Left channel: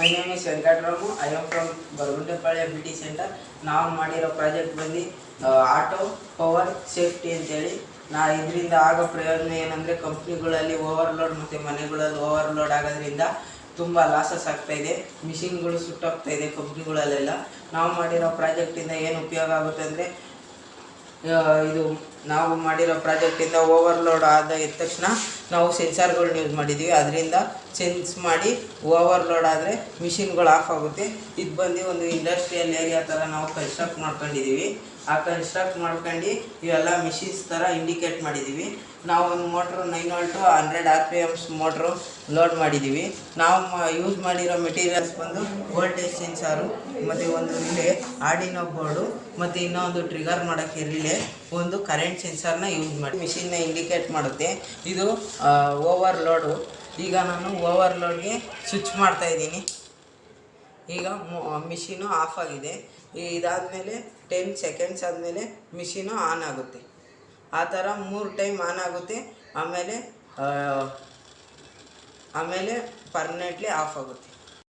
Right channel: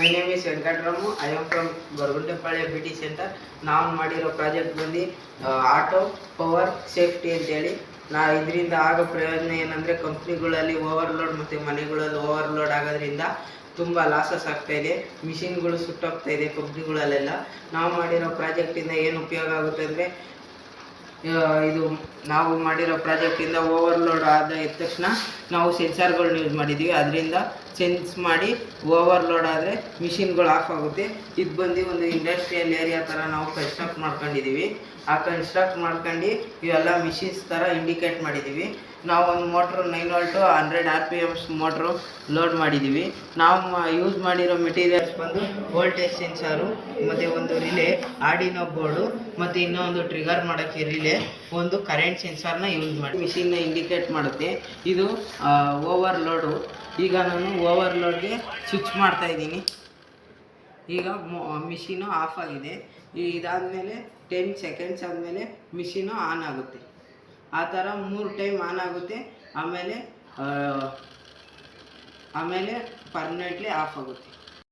My name is Venkataramu. I am from Goraguntepalya BT centre. ನಾವು ಮಾಡಿರೋ project ಬಂದು ಆಟೋ ಪವರ್ ಸೇಫ್ಟಿ ಅಂತೇಳಿ. ಇದರಿಂದ ಆಗೋ ಪ್ರಯೋಜನ ಏನಂದರೆ, ಕಂಪ್ನಿಗಳಲ್ಲಿ ಓವರ್ಲೋಡ್ ಮತ್ತು ಮನೆಗಳಲ್ಲಿ ಓವರ್ಲೋಡ್ ಆಗೋದ್ರಿಂದ ತುಂಬ ಲಾಸಸ್ ಆಗ್ತಾಯಿದೆ. ಮಿಷಿನ್ಗಳು ಸುಟ್ಟೋಗ್ತಾಯಿದೆ ಕಂಪ್ನಿಗಳಲ್ಲೆಲ್ಲ. ನಾವು ಮಾಡಿರೋ ಪ್ರಾಜೆಕ್ಟಿಂದ ಏನು ಉಪಯೋಗ ಆಗುತ್ತೆ ಅಂದರೆ, ಇದು ನಾವು ಮಾಡಿರೋ ಪ್ರಾಜೆಕ್ಟಿಂದ ಓವರ್ಲೋಡ್ ಆದ ತಕ್ಷಣ ನಾವು ಸೆನ್ಸಾರ್ಗಳನ್ನ ಯೂಸ್ ಮಾಡಿದ್ದೀವಿ. ಅದರಿಂದ ಸೆನ್ಸ್ ಮಾಡಿ ಓವರ್ಲೋಡ್ ಆದರೆ ಮಿಷಿನ್ಗಳು ಆಫ್ ಆಗುತ್ತೆ. ಇದು ಬಂದು ಒಂದು ಇಂಡಸ್ಟ್ರಿಯಲ್ ಏರಿಯಾ ಥರ ನಾವು ಕನ್ಸ್ಟ್ರಕ್ಟ್ ಮಾಡ್ಕೊಂಡಿದ್ದೀವಿ. ಆ ಕನ್ಸ್ಟ್ರಕ್ಟ್ ಮಾಡ್ಕೊಂಡು ಇವೆಲ್ಲ ಮಿಷಿನ್ಸ್ ಥರ ಇಂಡಿಕೇಟ್ ಮಾಡಿದ್ದೀವಿ. ನಾವು ಒಂದು motor 9 volt 100 RPMs motor load ಮಾಡಿದ್ದೀವಿ. ನಾವು ಯೂಸ್ ಮಾಡಿರೋ ಮೆಟೀರಿಯಲ್ಸ್ ಬಂದು ವೋಲ್ಟೇಜ್ ಸೆನ್ಸಾರು ಮತ್ತು ಒಂದು ರಿಲೇ, ಆರ್ಡಿನೋ ಬೋರ್ಡು ಮತ್ತು ಇನ್ನೊಂದು ಟ್ರಿಗರ್ ಮಾಡೋಕ್ಕೆ ರಿಲೇ, ಒಂದು ಕರೆಂಟ್ ಸೆನ್ಸಾರ್ನ ಯೂಸ್ ಮಾಡಿ ಮಿಷಿನ್ನ ಇಂಡಿಕೇಟ್ ಮಾಡುತ್ತೆ. ಇದು ಓವರ್ಲೋಡು. ಈಗ ನಾನು ಓವರ್ಲೋಡ್ಗೆ ಸ್ವಿಚ್ ಮಾಡ್ತಾಯಿದ್ದೀನಿ. ಈಗ ಮಿಷಿನು ಆಫ್ ಆಗಿದೆ. ಇದಾದಮೇಲೆ 10 ಸೆಕೆಂಡ್ಸ್ ಆದಮೇಲೆ ಮಿಷಿನು ಆನ್ ಆಗುತ್ತೆ. ಆ ಥರ 3 ಟೈಮ್ ಆನ್ ಆಗುತ್ತೆ. ಆಮೇಲೆ ಪರ್ಮನೆಂಟ್ಲಿ ಆಫ್ ಆಗುತ್ತೆ.